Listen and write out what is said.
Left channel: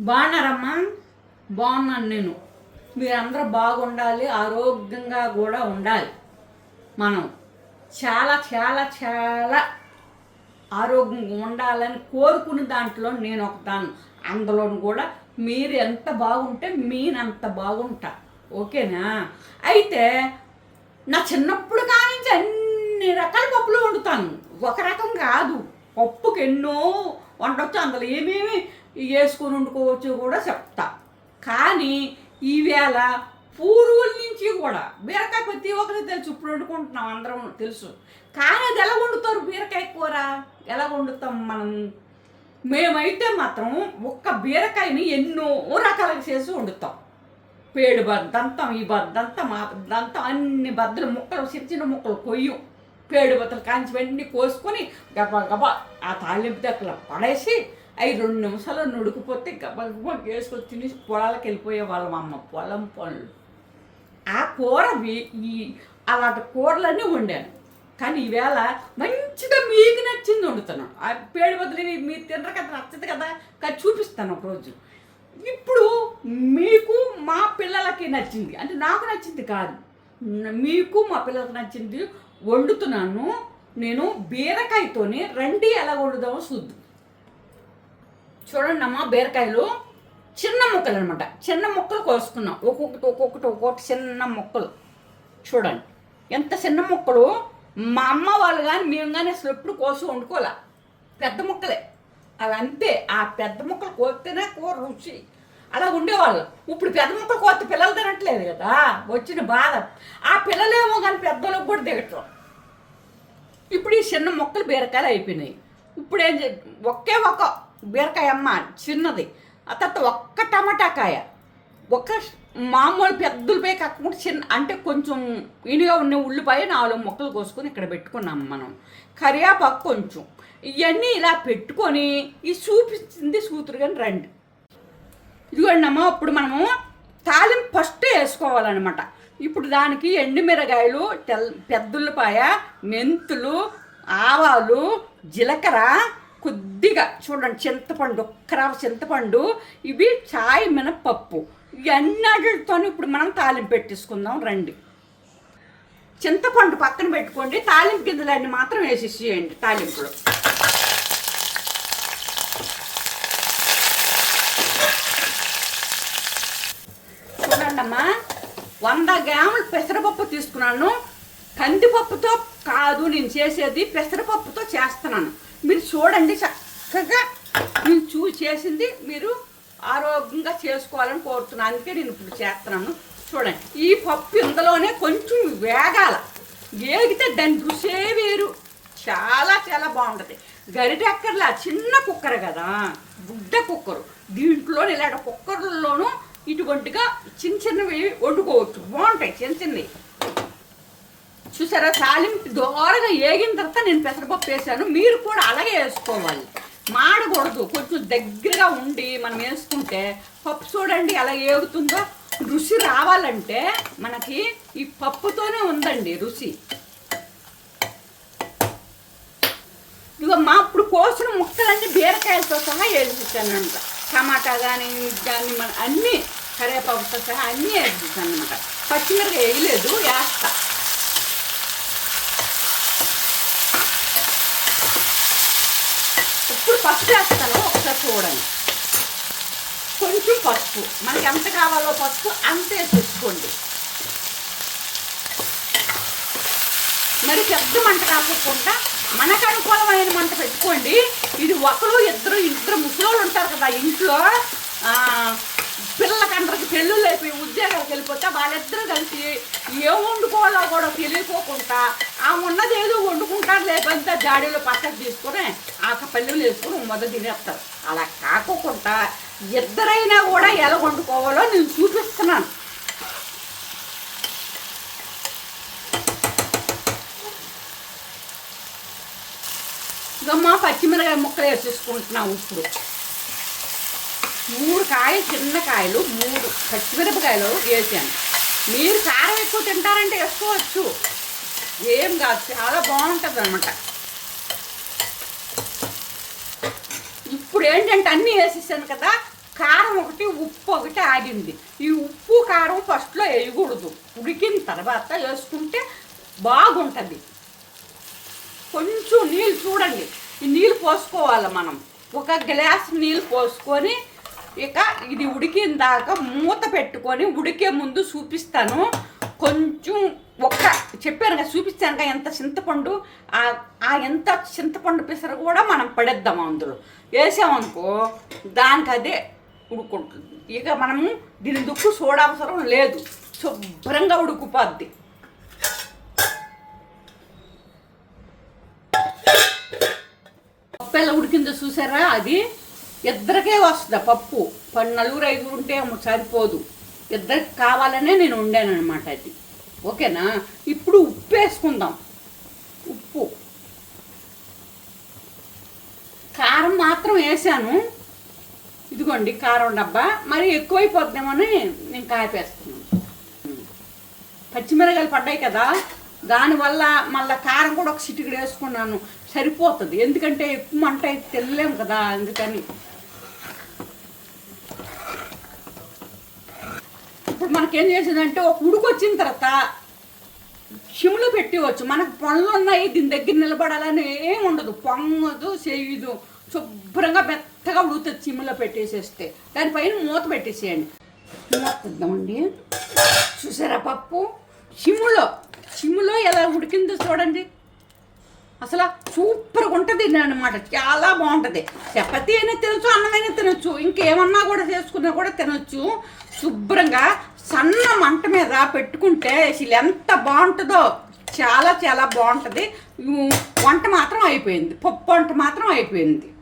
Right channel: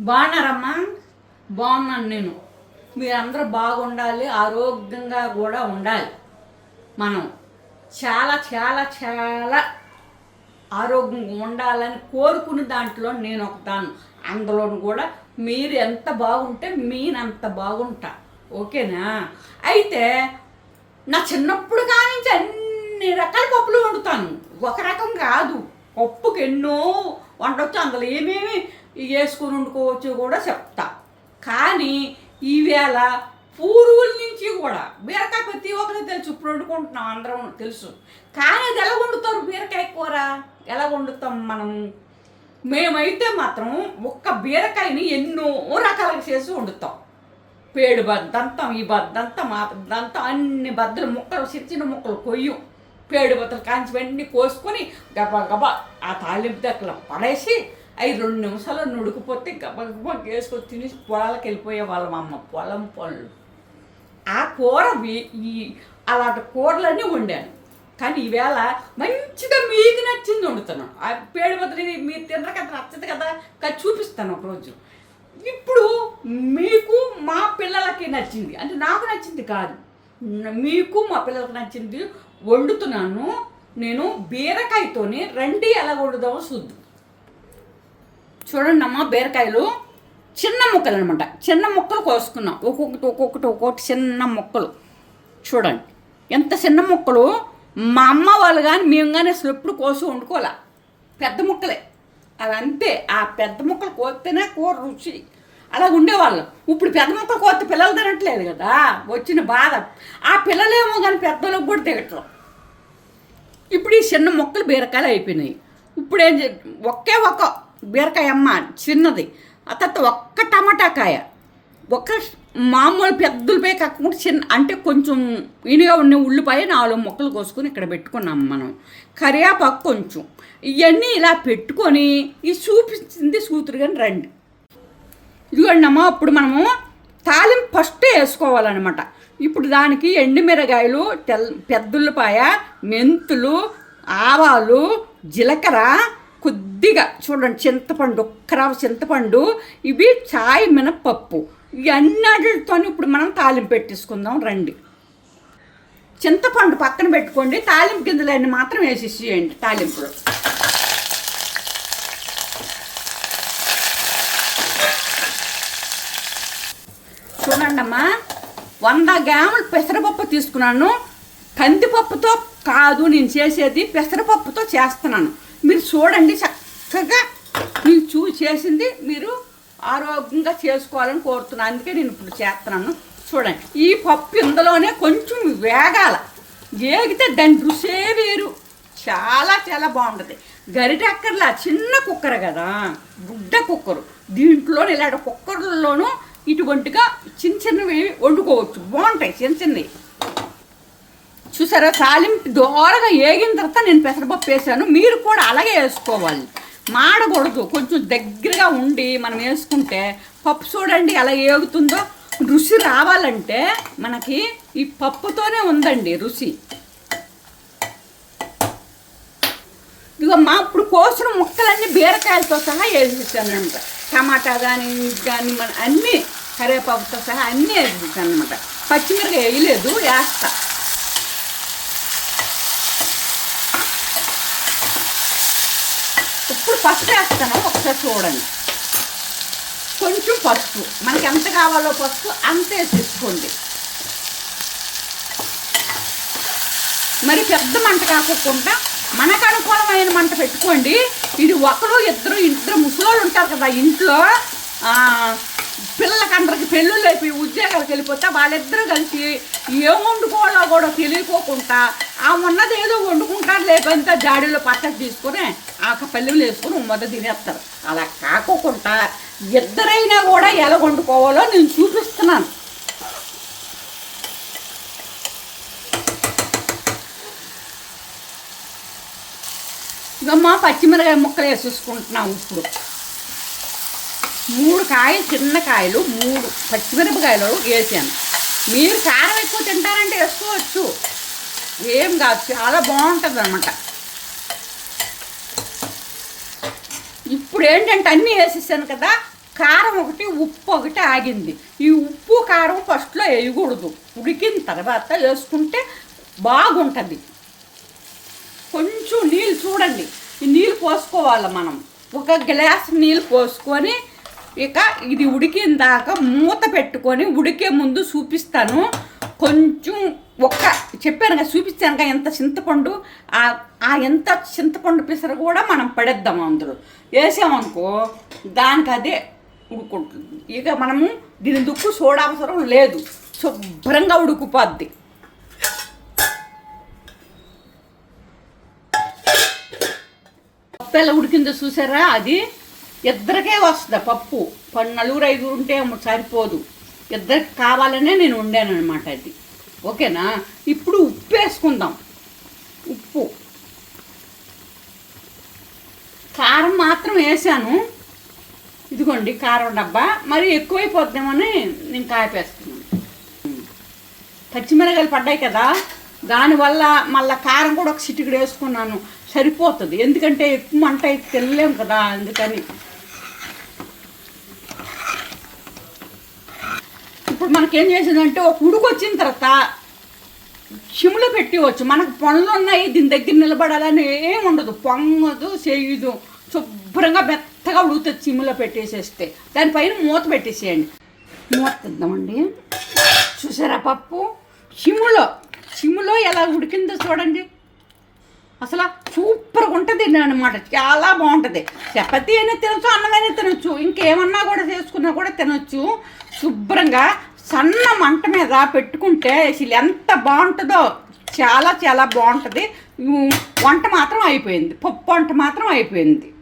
బాగున్నారమ్మా? బాగున్నాను నేను. మీరందరూ బాగుండాలి ఆరోగ్యంగా కూడా ఉండాలి. మనం చాలా చాలా చాలా ఆరోగ్యంగా ఉండాలని కోరుకున్న దాంట్లో నేను ఒకదాన్ని. అందులోను కూడా మీరు ఎంత బాగుంటే మీనంత బాగుంటా. ఓకేనా? అయితే నా చిన్నప్పుడు కానించి అన్ని రకాల పప్పులు వండుతాను. ఒక రకం కాదు. పప్పుకి ఎన్నో వండొచ్చు. అందులో ఏమేమి వేసుకొని వండుకోవచ్చు కూడా చెప్తా. కానీ ఈవేళ పూర్వుల నుంచి కూడా బీరకాయ ప్రతి ఒక్కరికి తెలుసు. ఇప్పుడు వండుకుంటున్నాం అందరం తెలుసు. కానీ అది ఎలా వండుతారు బీరకాయ కూర? ఎలా వండుతాం మనం? మేమైతే మాత్రం ఒక్క బీరకాయని ఎన్నో రకాలుగా చేసి వండుతాం. పేడు బద్దంతం ఈ బద్దంతం ఆ బద్దంతం అన్ని బద్దలు ముక్కలు చిన్న చిన్న ముక్కలు కొయ్యం. పేడు బద్దలు కాంచి వెంటనే కోసుకొని గబా గబా ఆ తాలింపు దగ్గర పడేసి అవి రెండు నిమిషాలు నుడికిపోతే గబా వేసుకొని తినేసి పొలాలకు వెళ్ళిపోయే వాళ్ళం అమ్మ. పొలం పనులు ఆ కూర ఈ అలాంటి కూరలన్నీ వండాను. కానీ ఈవేళ మంచిగా మీకు నచ్చింది వండుతున్నాను ఆ పేడి బదులు మీరు తినరు కదా నచ్చదు కదా కానీ చూపిస్తాను ఒకరోజు. ఇప్పుడు మీకు మా పిల్లలకి నచ్చింది. అంటే నాకు నచ్చింది కాదు. మీకు మా పిల్లలకి నచ్చింది వండుతున్నాను. నేను బీరకాయతోని రండి ఎలా వండుదామో చూద్దాం. చూడండి అమ్మ బీరకాయలు చిన్న ముక్కలు అనమాట చిన్న ముక్కలు కోసుకున్నాం. ఒక్కొక్కటి ఒక్కొక్కటి ఒక్కొక్కటి చిన్న ముక్కలు. చూడండి. ఎంత చిన్న ముక్కలు? మా అమ్మ వాళ్ళు కానీ మేము కానీ అసలు ఎప్పుడు కోసి వండుకోలే పెద్ద ముక్కలే. అవి అంతే ఆ పెద్ద ముక్కలు కోస్తేనే కూర రుచి. అలా ఉండేవాళ్ళం. ఇప్పుడు పెద్ద ముక్కలు కోస్తే పిల్లలు తినట్లేదు కదా. వచ్చిన బాధ. ఆ పిల్లలేమో కానీ పెద్దలకు కూడా దిగటం ఇప్పుడు ఈ చిన్న మొక్కలు బీరకాయలు అయిపోయినాయి. ఇప్పుడు ఏం ఒకే ఒక బీరకాయ అమ్మ చిన్నది. ఆ తర్వాత ఒక్క టమాటా కాయ. ఒక మామూలు పెద్దలపై కాకుండా చిన్న అంటే కొంచెం ఇనిగా ఉన్న ఉల్లిపాయ నాలుగు మొక్కలు కోసుకొని ఇక్కడ పెట్టుకున్నాం మనం. కరివేపాకు కొంచెం. ఇవన్నీ ఇలా పెట్టుకొని ఈ చూపించింది సూతురు కానీ రండి. ఇదిగోండి అమ్మ మనము తాలింపు ఫస్ట్ వేసుకోవాలన్నమాట. ఇప్పుడు దానికి ఎండుమిరగాయలు తెల్ పెద్దుల్లిపాయ మెంతులు ఆవాలు జీలకర్ర కొద్దిగా చూడండి చింతపండు ఒక్కరావు చింతపండు ఇవి చాయ్ మినపప్పు ఇవన్నిటితో ఇప్పుడు మనం తాలింపు పెట్టేసుకుందాం రండి. చింతపండు పక్కన పెట్టుకోండి తాలింపు గింజలన్నీ మాత్రం వేసేసేయండి తాలింపులో. చూడండి అమ్మా వంద గ్రాములు పెసరపప్పు తీసుకున్నాను. కందిపప్పుతో కాదు నేను చేసేది పెసరపప్పుతో చేస్తున్నాను. మీరు చూడండి చక్కగా మీరు చూ చేసింది మీరు ఆరోగ్యంగా చేసుకోవాలని కోరుతున్నాను అందుకే నేను ఇప్పుడు చేస్తున్నాను. చూడండి. ఈ పప్పు ఇందులోనే కొంచెం వేగాల. వేగితే దాని రుసే వేరు. చాలా చాలా బాగుంటుంది. గరిటెక్కర్లా చిన్న కుక్కర్ కదా. గుడ్డ కుక్కరు. దీంట్లో ఇలాంటి కుక్కర్లలోనూ ఇటువంటిగా చిన్న చిన్నవి వండుకోవచ్చు. బాగుంటాయి చిన్న చిన్నవి. చూసారా? తాలింపు దోరగా ఏగిన తర్వాత నేను పెసరపప్పు వేసాను. మీరు కూడా అలాగే వేసుకోవాలి. మాడకూడదు. కొంచెం దగ్గరగా ఉండి మనం వేసుకుంటే పప్పు చూడండి ఎలా ఏగుతుందో. రుచి రావాలంటే మనకి ఈ పప్పుతోనే ఉందండి రుచి. ఇక మా ఇప్పుడు కోసిన ముక్కలన్నీ బీరకాయలతో సహా వేసేసానంట టమాటా కానీ కానీ మన అన్నీ కరివేపాకుతో సహా అన్నీ వేసేసాను అనమాట పచ్చిమిరకాయ వేయలేదు వేస్తా. ఇప్పుడు పసుపు వేస్తాను ఒకసారి చూడండి. కొంచెం పసుపు. మనకి ఎంత కావాలో పసుపు అంతే తీసుకోండి. మరి పెద్ద మంట కాకుండా మనకు అనుకూలమైన మంట పెట్టుకోండి. ఇది ఒకరు ఇద్దరు ఇద్దరు ముసలోళ్ళు ఉంటారు కదా ఇంట్లో పిల్లలకందరికి పెళ్ళిళ్ళు అయిపోయి ఉద్యోగాలకు వెళ్ళిపోతే వాళ్ళిద్దరూ కలిసి ఏం వండుకోవాలో కూడా తెలియకోకుండా ఆ ఉన్నది ఏదో వండుకుంటారు లేకపోతే జాడీలో పచ్చడి తీసుకొని ఆ పల్లెలు వేసుకుని మొదలు తినేస్తారు. అలా కాకోకుండా ఇద్దరైనా కూడా ఎలా వండుకోవాలో నేను చూపిస్తున్నాను. గమ్మ పచ్చిమిరకాయ ముక్కలు వేసేసుకుంటున్నాం ఇప్పుడు. మూడు కాయలు చిన్న కాయలు మూడు పచ్చిమిరపకాయలు వేసాను. మీరు కారం ఎక్కువ తింటారంటే వేసుకోవచ్చు. ఏం కాదు చాలా బాగుంటుంది అనమాట ఇప్పుడు ఏంటంటే అన్నీ వేసేసాను కదా కారం ఒకటి ఉప్పు ఒకటి ఆగింది. ఈ ఉప్పు కారం ఫస్ట్లో వేయకూడదు. ఉడికిన తర్వాత వేసుకుంటే బాగుంటుంది. కొంచెం నీళ్ళు చూడండి. ఈ నీళ్ళు పోసుకోవాలి మనం. ఒక గ్లాస్ నీళ్ళు పోసుకొని ఇక ఇది ఉడికిన దాకా మూత పెట్టుకొని ఉడికే ముందు చూపిస్తాను. కొంచెం ఒక్క చెప్పాను కదా చూపించాను కదా ఎంత చింతపండు ఆ ఎంత చింతపండు పిసర కూడా మనం పడేద్దాం అందులో. వేసామనుకో దానికి అదే ఉడుకుంటుంది. ఇక మనము దీని దుక్కు చూడవసరం లేదు. శుభ్రంగా ఉడుకుపోద్ది. పప్పు ఉడికిందో చూసారా? అది ఇద్దరికే వస్తుంది పప్పు. పన్ను నలుగురు ఐదుగురు ఉంటే ఏమో సరిపోదు. ఇద్దరికి కావాలనే నేను వండానమాట అది. ఓకేనా? ఇప్పుడు ఉప్పు వేసుకుందాం ఉప్పు. కారం మాత్రం వేసాను. ఇదిగోండి కారం డబ్బా. మరి ఎక్కువైపోద్దామని నేను కాపేస్తున్నాను పచ్చిమిరకాయలు పడ్డాయి కదా? దానివల్ల మళ్ళీ కారం కూడా ఒక చిటికడు వేసుకున్నాను. సరిపోతుంది. ఎందుకంటే ఎక్కువ మంట అయితే తినలేము కదా అందుకని. ఇప్పుడు మనకేం చేసిందంటే ఒక ఉడుకు వచ్చిన తర్వాత సిమ్లో పెట్టివచ్చు. మనకు పనులు ఉన్నాయి దీని దగ్గర నిలబడాలని ఏం ఉండదు. పొంగదు చేయదు. శుభ్రంగా మెత్తగా ఉడుకుతుంది సిమ్లో పెట్టేసేస్తే. దానిపైన మూత పెట్టేసేయండి. మూత ఇద్దామండి చూసారా పప్పు? సిమ్లో సిమ్లో ఎలా ఉడికిందో చూడండి. అసలు సూపర్గా ఉంటుంది అనమాట చాలా బాగుంటుంది. చపాతీ అయినా తినొచ్చు అన్నమైనా తినొచ్చు. ఇంకేమన్నా కూడా చేసుకున్నా కూడా తినొచ్చు. శుభ్రంగా సన్న మంట మీద పెట్టుకుంటే అసలు ఎంత బాగుంటుందో. చాలా చాలా బాగుంటుంది. వంట మాత్రం అయిపోయింది. పప్పు వంట మాత్రం అయిపోయింది.